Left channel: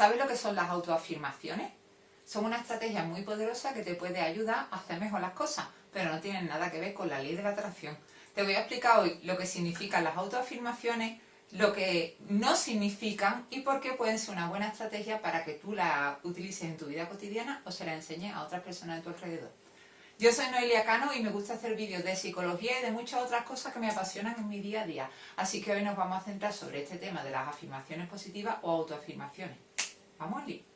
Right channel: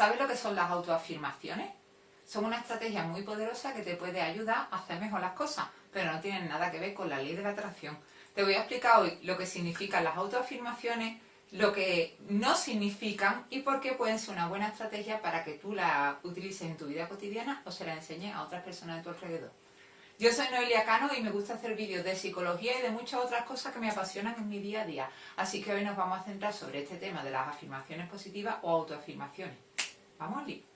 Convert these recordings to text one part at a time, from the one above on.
¿Sabes lo que son las autoafirmaciones? Son una estrategia muy poderosa que te puede ayudar a hacer mejor las cosas, pero no tienen nada que ver con la ley de la atracción. Te voy a explicar hoy lo que significan las autoafirmaciones, lo que no significan y por qué pueden ser una buena estrategia para que tú la utilices en tu vida cotidiana o se la enseñes a otras personas de tu alrededor. Yo soy Noelia Cano y me gusta hacer vídeos de psicología y de muchas otras cosas que me apasionan en mi día a día. Así que hoy nos vamos a centrar sobre este tema de las afirmaciones positivas o autoafirmaciones. ¡Vamos, Lee!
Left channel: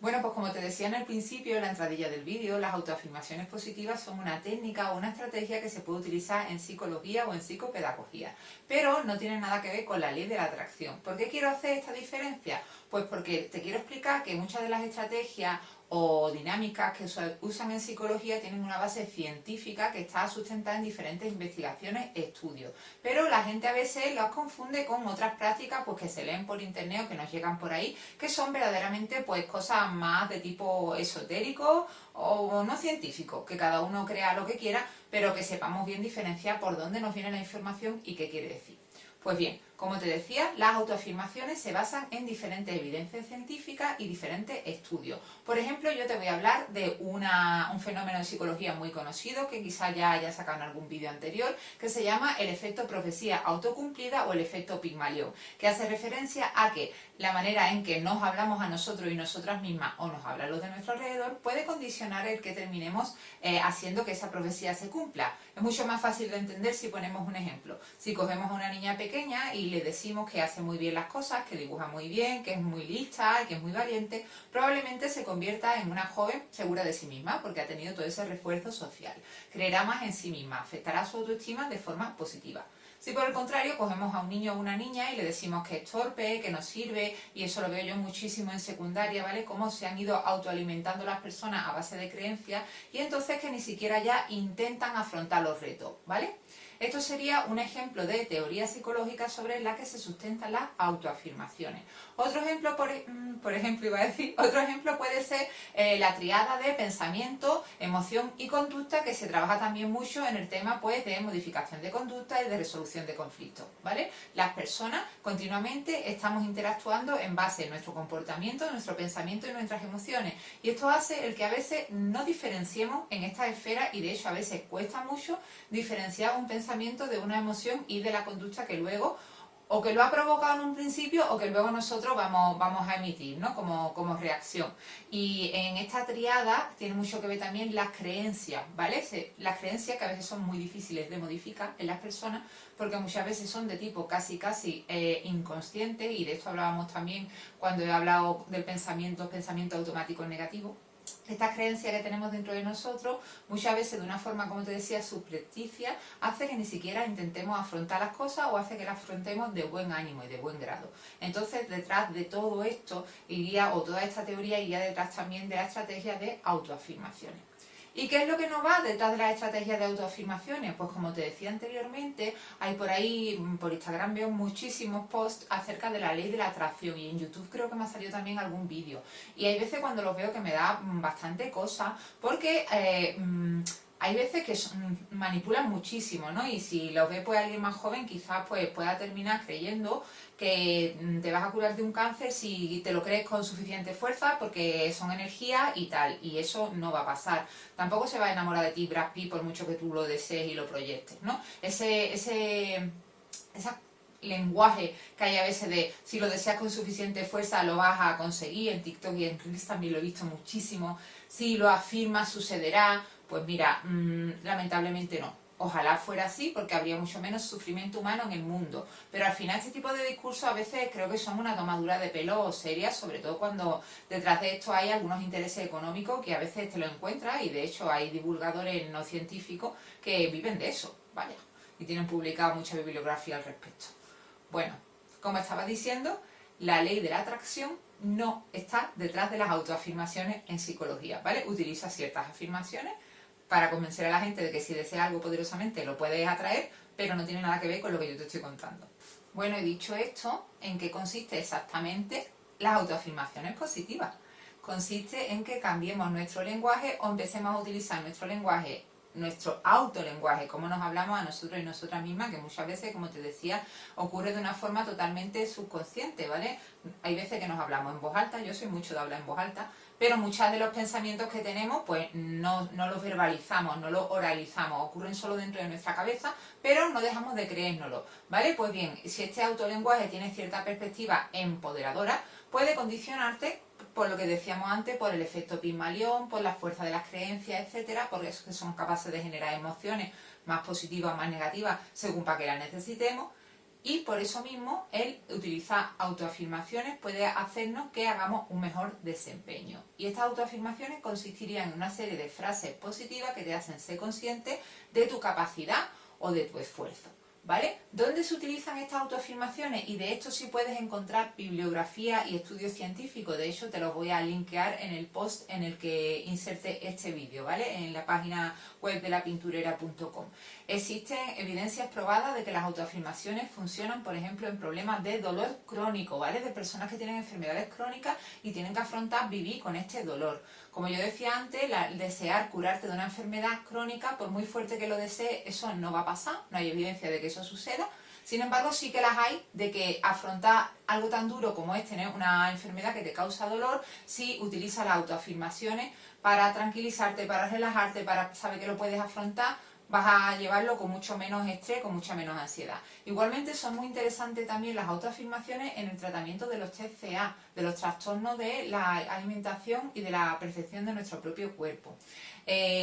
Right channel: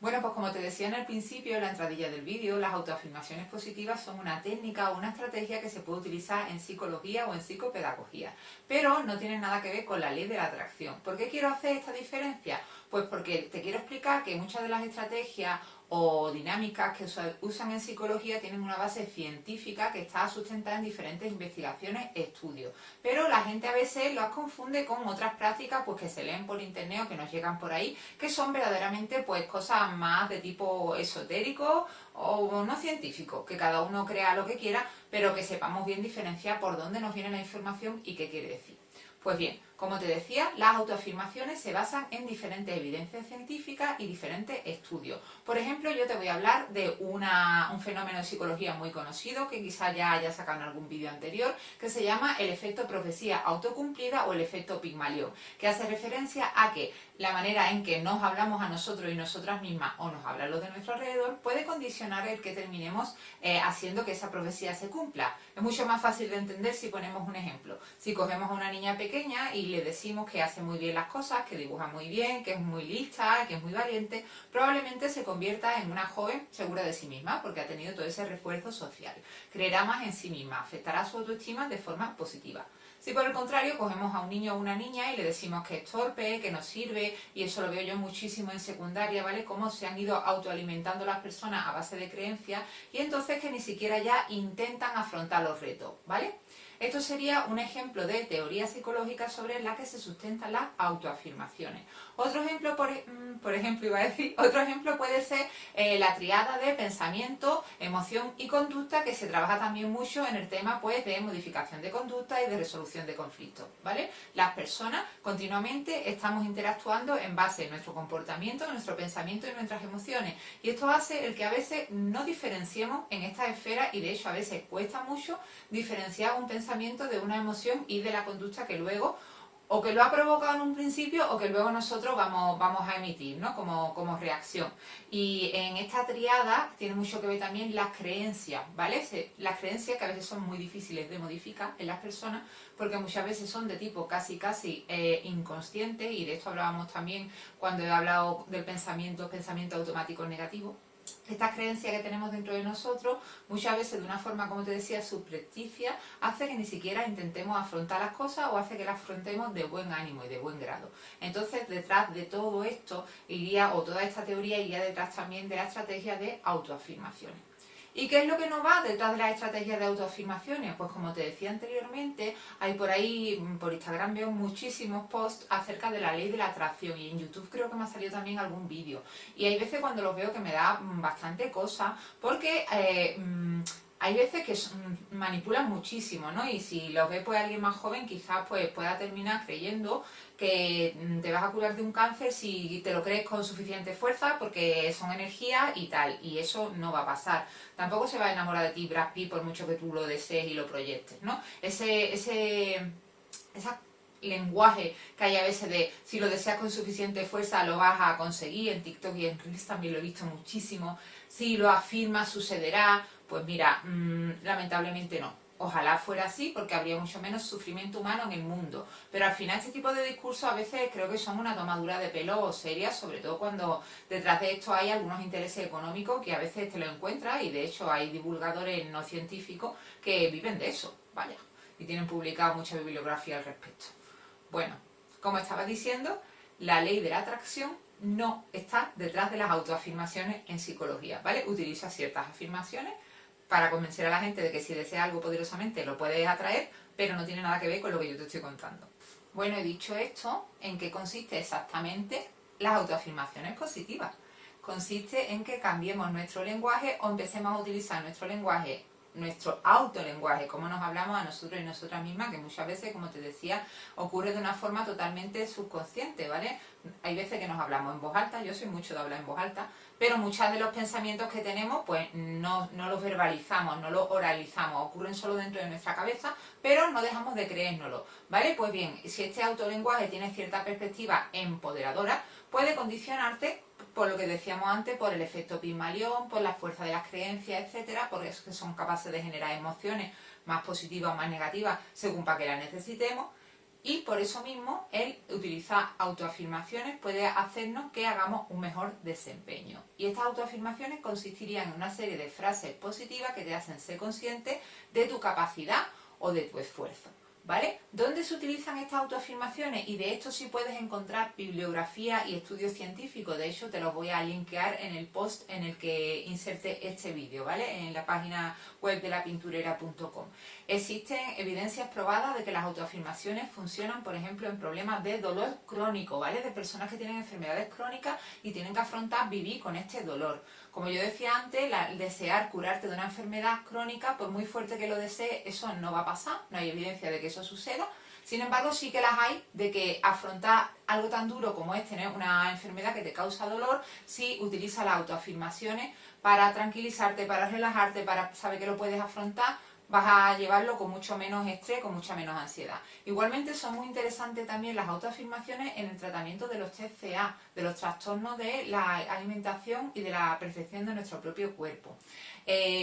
Bueno, pues como te decía en el principio, en la entradilla del vídeo, las autoafirmaciones positivas son una técnica o una estrategia que se puede utilizar en psicología o en psicopedagogía, pero no tienen nada que ver con la ley de la atracción. ¿Por qué quiero hacer esta diferencia? Pues porque te quiero explicar que muchas de las estrategias o dinámicas que se usan en psicología tienen una base científica que está sustentada en diferentes investigaciones e estudios. Pero la gente a veces las confunde con otras prácticas pues, que se leen por internet o que nos llegan por ahí, que son verdaderamente pues, cosas más de tipo esotérico o no científico, que cada uno crea lo que quiera, pero que sepamos bien diferenciar por dónde nos viene la información y qué quiere decir. Pues bien, como te decía, las autoafirmaciones se basan en diferentes evidencias científicas y diferentes estudios. Por ejemplo, yo te voy a hablar de un fenómeno de psicología muy conocido, que quizá ya haya sacado en algún vídeo anterior, que se llama el efecto profecía autocumplida o el efecto Pigmalión, que hace referencia a que la manera en que nos hablamos a nosotros y nosotras mismas o nos hablan los de nuestro alrededor puede condicionar el que terminemos haciendo que esa profecía se cumpla. Es mucho más fácil de entender si ponemos un ejemplo. Si cogemos a una niña pequeña y le decimos que hace muy bien las cosas, que dibuja muy bien, que es muy lista, que es muy valiente, probablemente se convierta en una joven segura de sí misma porque ha tenido todo ese refuerzo social. Creerá más en sí misma, afectará su autoestima de forma positiva. Si por el contrario cogemos a un niño o una niña y le decimos que es torpe, que no sirve, y eso lo veo yo muchísimo en secundaria, ¿vale? Cómo se han ido autoalimentando las personas a base de creencias y entonces que ni siquiera ya intentan afrontar los retos, ¿vale? Esto sería un ejemplo de teoría psicológica sobre la que se sustentan las autoafirmaciones. Otro ejemplo, otro ejemplo puede ser la triada de pensamiento, emoción y conducta, que se trabaja también mucho en el tema pues, de modificación de conducta y de resolución de conflictos, ¿vale? Las personas continuamente estamos interactuando en base a nuestro comportamiento, nuestro pensamiento y nuestras emociones. Y esto hace el que a veces no diferenciemos en estas esferas y de hecho a veces cuesta mucho diferenciar un pensamiento de una emoción y de la conducta que luego o que lo ha provocado en un principio o que luego nosotros vamos a emitir, ¿no? como reacción. Y en esta triada tiene mucho que ver también las creencias, ¿vale? Las creencias que a veces son muy difíciles de modificar en las personas porque muchas veces son de tipo casi inconsciente, y de esto hablábamos también cuando he hablado del pensamiento automático negativo. Estas creencias que tenemos dentro de nosotros, muchas veces de una forma, como te decía, subrepticia, hace que ni siquiera intentemos afrontar las cosas o hace que las afrontemos de buen ánimo y de buen grado. Entonces, detrás de todo esto iría, o toda esta teoría iría detrás también de la estrategia de autoafirmaciones. ¿Y qué es lo que nos va detrás de las estrategias de autoafirmaciones? Pues como te decía anteriormente, hay por ahí, por Instagram veo muchísimos posts acerca de la ley de la atracción y en YouTube creo que me ha salido también algún vídeo. Y hay veces cuando los veo que me da bastante cosa porque hay veces que manipulan muchísimo, ¿no? Y si los ve pues alguien más joven quizás pues pueda terminar creyendo que te vas a curar de un cáncer si te lo crees con suficiente fuerza porque son energías y tal, y eso no va a pasar. Tampoco se va a enamorar de ti Brad Pitt por mucho que tú lo desees y lo proyectes, ¿no? Ese lenguaje que hay a veces de si lo deseas con suficiente fuerza lo vas a conseguir, en TikTok y en Reels también lo he visto muchísimo, si lo afirmas sucederá, pues mira, lamentablemente no. Ojalá fuera así porque habría mucho menos sufrimiento humano en el mundo, pero al final este tipo de discursos a veces creo que son una tomadura de pelo seria, sobre todo cuando detrás de esto hay algunos intereses económicos que a veces te lo encuentras, y de hecho hay divulgadores no científicos que viven de eso, vaya, y tienen publicado mucha bibliografía al respecto. Bueno, como estaba diciendo, la ley de la atracción no está detrás de las autoafirmaciones en psicología, ¿vale? Utiliza ciertas afirmaciones para convencer a la gente de que si desea algo poderosamente lo puedes atraer, pero no tiene nada que ver con lo que yo te estoy contando. Bueno, he dicho esto, ¿en qué consiste exactamente las autoafirmaciones positivas? Consiste en que cambiemos nuestro lenguaje o empecemos a utilizar nuestro lenguaje nuestro autolenguaje, cómo nos hablamos a nosotros y nosotras mismas, que muchas veces, como te decía, ocurre de una forma totalmente subconsciente, ¿vale? Hay veces que nos hablamos en voz alta, yo soy mucho de hablar en voz alta, pero muchos de los pensamientos que tenemos, pues no los verbalizamos, no los oralizamos, ocurren solo dentro de nuestra cabeza, pero no dejamos de creérnoslo, ¿vale? Pues bien, si este autolenguaje tiene cierta perspectiva empoderadora, puede condicionarte, por lo que decíamos antes, por el efecto Pigmalión, por la fuerza de las creencias, etcétera, porque es que son capaces de generar emociones más positivas o más negativas según para que las necesitemos. Y por eso mismo el utilizar autoafirmaciones puede hacernos que hagamos un mejor desempeño. Y estas autoafirmaciones consistirían en una serie de frases positivas que te hacen ser consciente de tu capacidad o de tu esfuerzo, ¿vale? ¿Dónde se utilizan estas autoafirmaciones? Y de hecho sí puedes encontrar bibliografía y estudios científicos. De hecho te los voy a linkear en el post en el que inserte este vídeo, ¿vale? En la página web de lapinturera.com. Existen evidencias probadas de que las autoafirmaciones funcionan, por ejemplo, en problemas de dolor crónico, ¿vale? De personas que tienen enfermedades crónicas y tienen que afrontar vivir con este dolor. Como yo decía antes, el desear curarte de una enfermedad crónica, por muy fuerte que lo desees, eso no va a pasar, no hay evidencia de que eso suceda. Sin embargo, sí que las hay de que afrontar algo tan duro como es tener una enfermedad que te causa dolor, si utilizas las autoafirmaciones para tranquilizarte, para relajarte, para saber que lo puedes afrontar, vas a llevarlo con mucho menos estrés, con mucha menos ansiedad. Igualmente son muy interesantes también las autoafirmaciones en el tratamiento de los TCA, de los trastornos de la alimentación y de la percepción de nuestro propio cuerpo.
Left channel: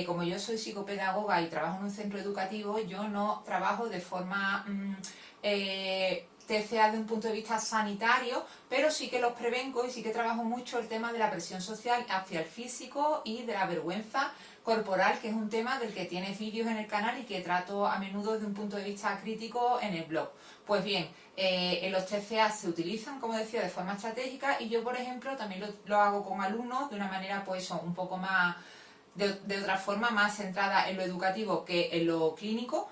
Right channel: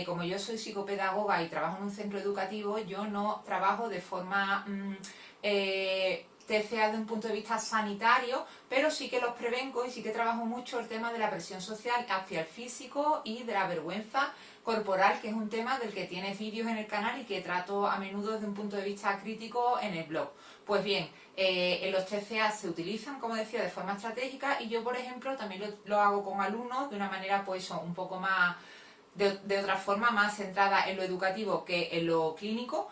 Como yo soy psicopedagoga y trabajo en un centro educativo, yo no trabajo de forma TCA de un punto de vista sanitario, pero sí que los prevengo y sí que trabajo mucho el tema de la presión social hacia el físico y de la vergüenza corporal, que es un tema del que tienes vídeos en el canal y que trato a menudo desde un punto de vista crítico en el blog. Pues bien, los TCA se utilizan, como decía, de forma estratégica y yo, por ejemplo, también lo hago con alumnos de una manera pues un poco más, de otra forma, más centrada en lo educativo que en lo clínico,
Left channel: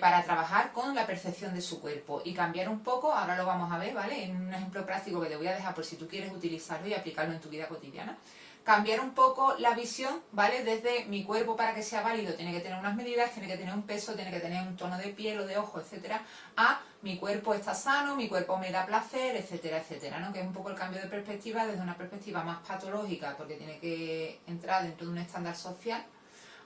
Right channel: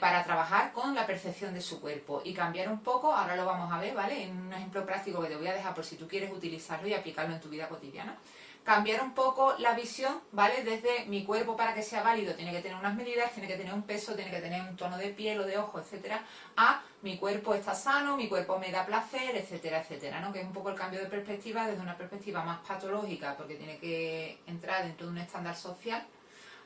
para trabajar con la percepción de su cuerpo y cambiar un poco, ahora lo vamos a ver, ¿vale? En un ejemplo práctico que te voy a dejar por si tú quieres utilizarlo y aplicarlo en tu vida cotidiana. Cambiar un poco la visión, ¿vale? Desde mi cuerpo, para que sea válido, tiene que tener unas medidas, tiene que tener un peso, tiene que tener un tono de piel o de ojo, etcétera, a mi cuerpo está sano, mi cuerpo me da placer, etcétera, etcétera, ¿no? Que es un poco el cambio de perspectiva desde una perspectiva más patológica, porque tiene que entrar dentro de un estándar social,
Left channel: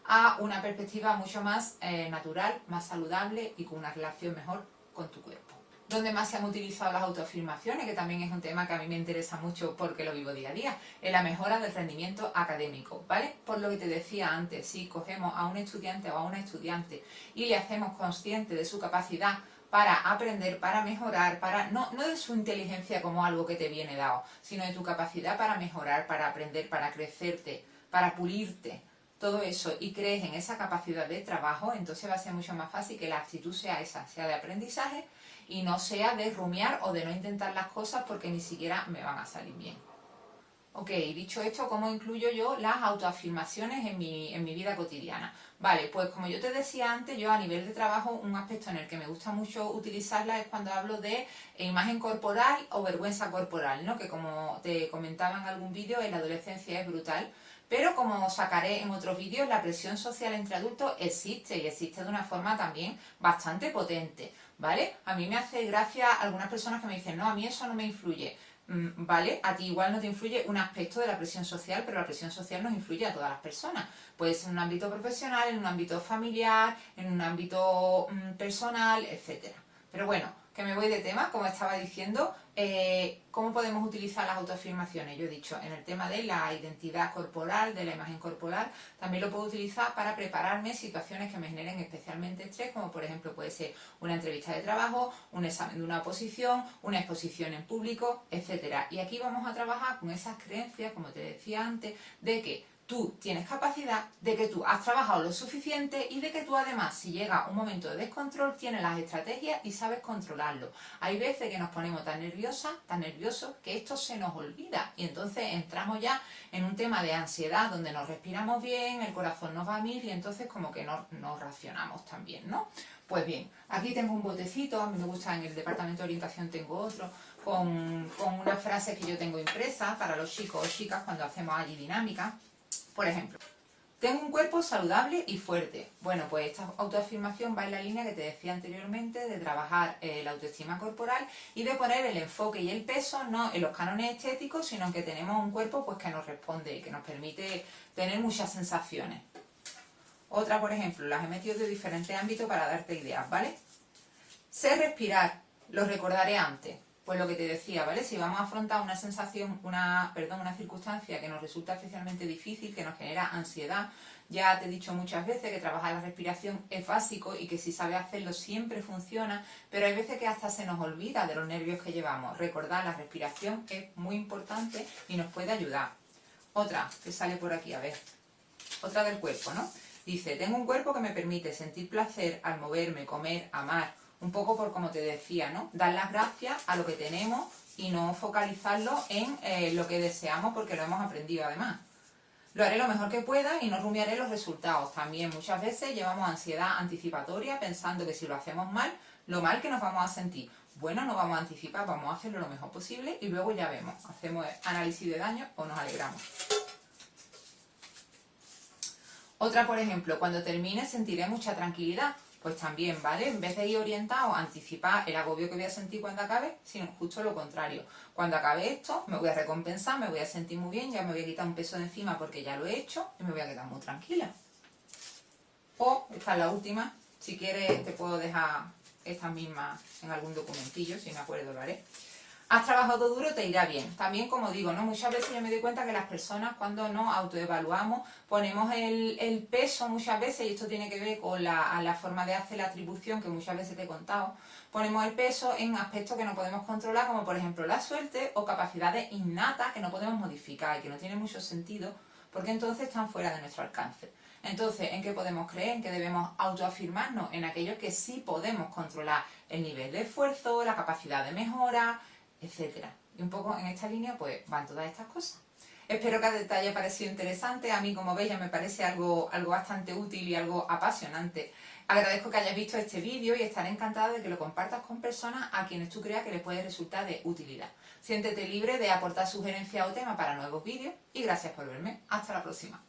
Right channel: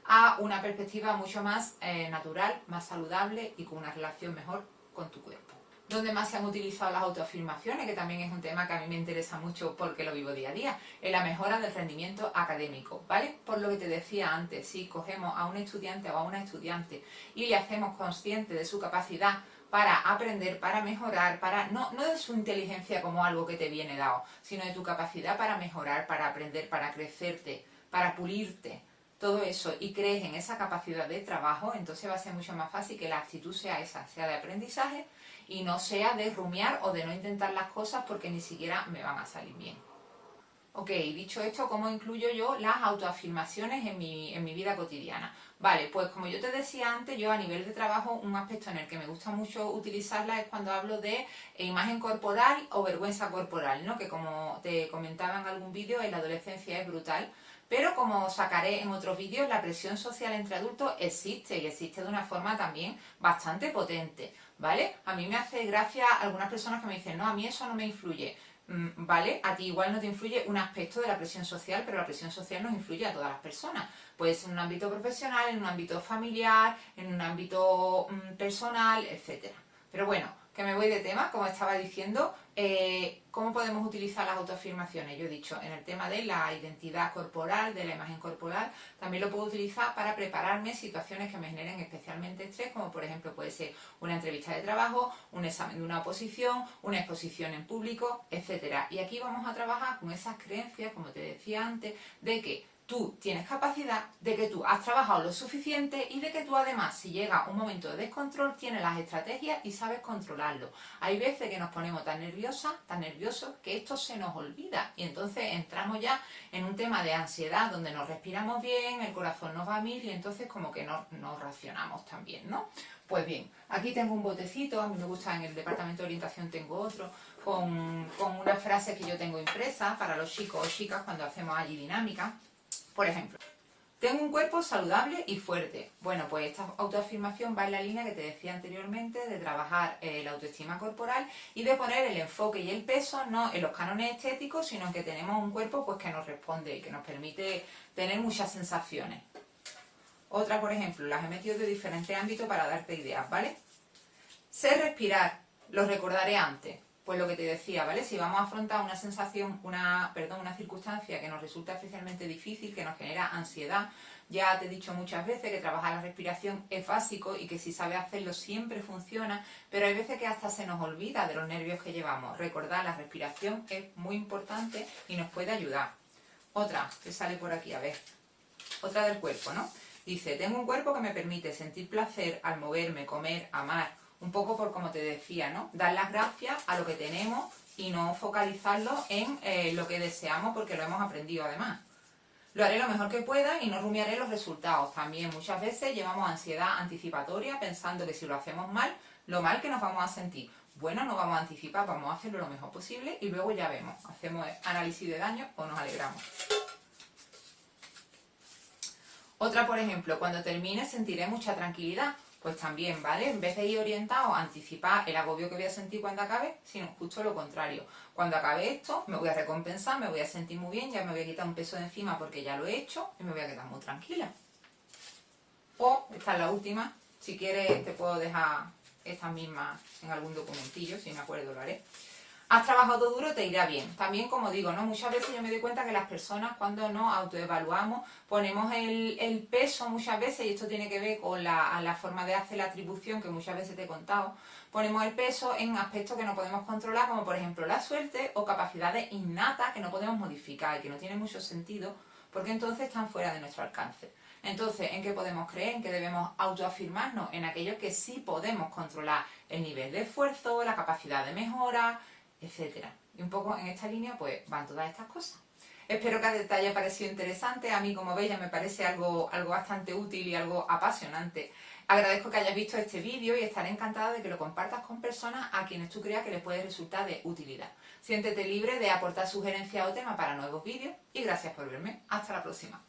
a una perspectiva mucho más natural, más saludable y con una relación mejor con tu cuerpo. ¿Dónde más se han utilizado las autoafirmaciones? Que también es un tema que a mí me interesa mucho porque lo vivo día a día. En la mejora del rendimiento académico, ¿vale? Por lo que te decía antes, si cogemos a un estudiante o a una estudiante y le hacemos consciente de su capacidad para aprender, para mejorar, no de su inteligencia como algo que te viene dado, sino de tu capacidad para mejorar, para aprender, para crecerte, para pulirte, todo eso, y crees en esa capacidad de trabajo, entonces va a ser mucho más fácil que la actitud sea esa, sea de aprendizaje y no sea de rumiar o de no intentar las cosas porque ni siquiera me van a salir bien. Ok, dicho esto, ¿cómo incluyo yo las autoafirmaciones en mi vida cotidiana? Vale, pues como yo te decía antes, yo a nivel de trabajo, un aspecto en el que me gusta mucho utilizarla es cuando hablo de imagen corporal o vergüenza corporal, ¿no? Que como te comentaba en algún vídeo, en la adolescencia es brutal. Pero como sacaré en otros vídeos, la presión social entre adultos existe y existe de una forma también bastante potente, ¿vale? A mí me hace gracia algunas personas que me dicen, no, a mí eso no me influye. ¿Vale? A ti igual no te influye un aspecto de la presión social, pero la presión social nos influye a todas las personas. Puede ser en un ámbito profesional, en un ámbito familiar, en un ámbito personal, etcétera. Pero bueno, que me voy de tema, como estaba diciendo, ¿cómo podemos utilizar las autoafirmaciones? Yo he dicho, en el tema de la identidad corporal, de la imagen corporal, también lo puedo utilizar para prepararme situaciones que me generen especialmente estrés, como por ejemplo puede ser una entrevista de trabajo, un examen de una oposición, una exposición en público, etcétera. Y aquí vamos a trabajar con esas creencias, como te decía antes, de que tú tienes capacidad, de que tú has trabajado lo suficiente y de que tú además, si llega un momento de descontrol, tienes las estrategias y sabes controlarlo. Hay veces que nos ponemos tan nerviosos, que esto se nos olvida y entonces entramos ya en un tema de ansiedad donde nos respiramos bien, el corazón nos va a mil y entonces como que nos racionamos también, ¿no? Pues bien, aquí tengo un botecito, a mí me gusta, en el departamento de orientación tengo otro, con unas frases que yo tengo impresas para los chicos o chicas cuando hacemos allí dinámica. Por ejemplo, Tengo un cuerpo saludable y fuerte. Bueno, pues esta autoafirmación va en la línea que te decía anteriormente de trabajar la autoestima corporal y de poner el enfoque y el peso no en los cánones estéticos, sino en que tenemos un cuerpo pues que nos responde y que nos permite tener muchas sensaciones. Otra, por ejemplo, las he metido de diferentes ámbitos para darte ideas, ¿vale? Sé respirar, lo recordaré antes. Pues lo que te decía, ¿vale? Si vamos a afrontar una sensación, una circunstancia que nos resulta especialmente difícil, que nos genera ansiedad, ya te he dicho muchas veces que trabajar la respiración es básico y que si sabes hacerlo siempre funciona, pero hay veces que hasta se nos olvida de los nervios que llevamos. Recordar la respiración es muy importante y nos puede ayudar. Otra que sale por aquí, a ver. Otra del cuerpo, ¿no? Dice, tengo un cuerpo que me permite sentir placer al moverme, comer, amar. Un poco por como te decía, ¿no? Dar las gracias a lo que tenemos y no focalizarlo en lo que deseamos porque lo hemos aprendido además. Lo haré lo mejor que pueda y no rumiaré los resultados. También muchas veces llevamos ansiedad anticipatoria pensando que si lo hacemos mal, lo mal que nos vamos a sentir. Bueno, no vamos a anticipar, vamos a hacerlo lo mejor posible y luego ya vemos. Hacemos análisis de daño o nos alegramos. Otra, por ejemplo, cuando termine sentiré mucha tranquilidad. Pues también, ¿vale? En vez de ir orientado a anticipar el agobio que voy a sentir cuando acabe, sino justo lo contrario. Cuando acabe esto, me voy a recompensar, me voy a sentir muy bien, ya me voy a quitar un peso de encima porque ya lo he hecho y me voy a quedar muy tranquila. O, esta es la última, si quieres te puedo dejar estas mismas en algún documentillo, si me acuerdo lo haré. Has trabajado duro, te irá bien. También, como digo, ¿no? Muchas veces yo me doy cuenta que las personas cuando nos autoevaluamos ponemos el peso muchas veces, y esto tiene que ver con la forma de hacer la atribución que muchas veces te he contado, ponemos el peso en aspectos que no podemos controlar, como por ejemplo la suerte o capacidades innatas que no podemos modificar y que no tienen mucho sentido porque entonces están fuera de nuestro alcance. Entonces, ¿en qué podemos creer? ¿En qué debemos autoafirmarnos? En aquello que sí podemos controlar, el nivel de esfuerzo, la capacidad de mejora, etcétera. Y un poco en esta línea pues van todas estas cosas. Espero que te haya parecido interesante. A mí, como veis, ya me parece algo bastante útil y algo apasionante. Agradezco que hayas visto este vídeo y estaré encantada de que lo compartas con personas a quienes tú creas que les puede resultar de utilidad. Siéntete libre de aportar sugerencias o temas para nuevos vídeos y gracias por verme. Hasta la próxima.